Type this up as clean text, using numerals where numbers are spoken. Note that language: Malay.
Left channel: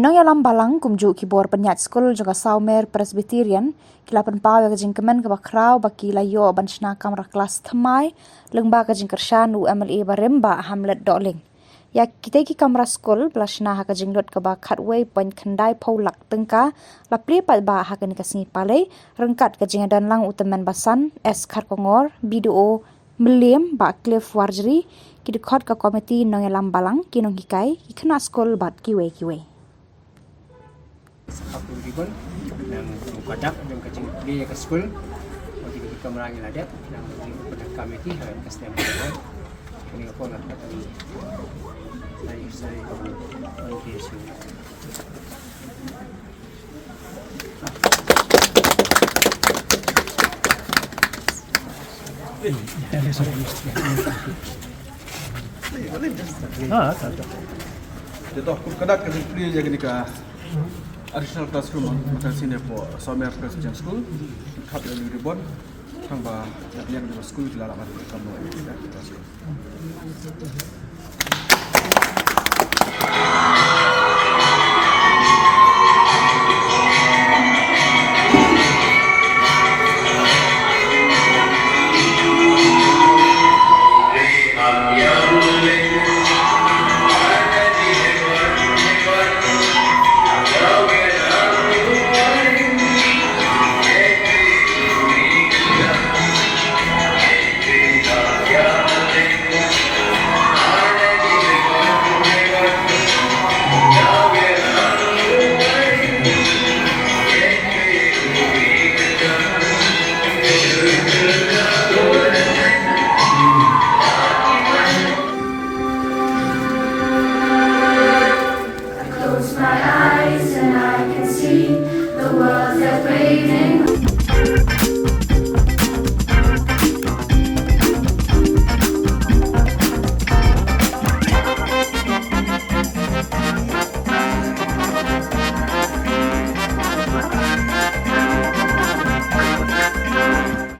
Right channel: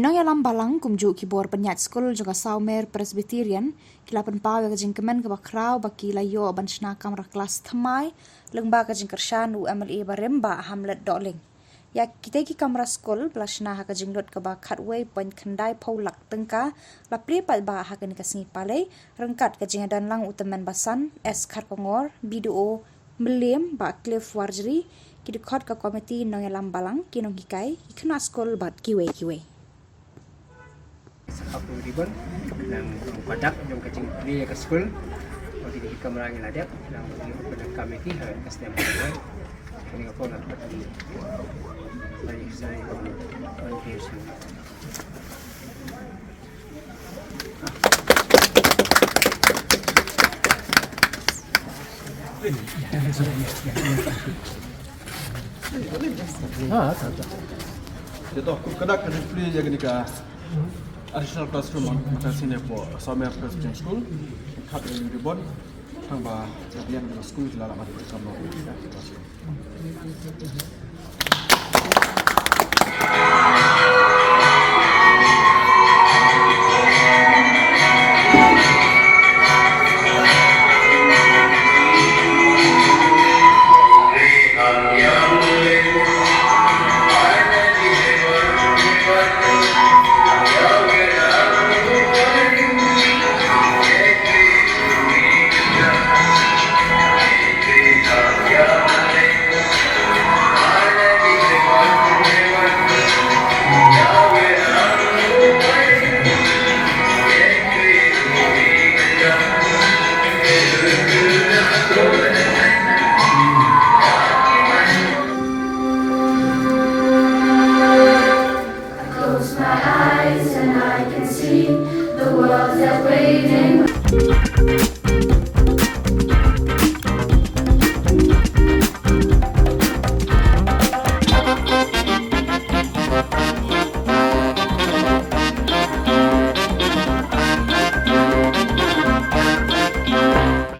Nongialam Balang kumjuh kibor penyat Skul juga Sawmer Presbyterian kila pynpaw ke jingkmen kaba khraw baki layo la.shna Kamra Klas Thymmai lyngba ke jingkyrshan UMLE barim Bah Hamlet Dohling. Ya kitei ki Kamra Skul la.shna ke jinglut kaba khatway point kendai paulak tyngka la plie paidbah ke ni sngi Palei ryngkat ke jingdonlang Tymmen basan kongor BDO Milliam ba cliff warjeri ki dikhot ke komiti Nongialam Balang ki nonghikai ikna Skul bat kiwe. Aku ribon nang padak jom kecing plie ke Skul bagi di Kamra ngiladak nang pada komiti hari kastem ini ko nak pati saya on peso Jadi aku kena kerja plie jadi ni ka additional classroom macam sini po Sawmer Presbyterian Skul kat di ribon tambah yang di Skul dalam ada kamu ini dah.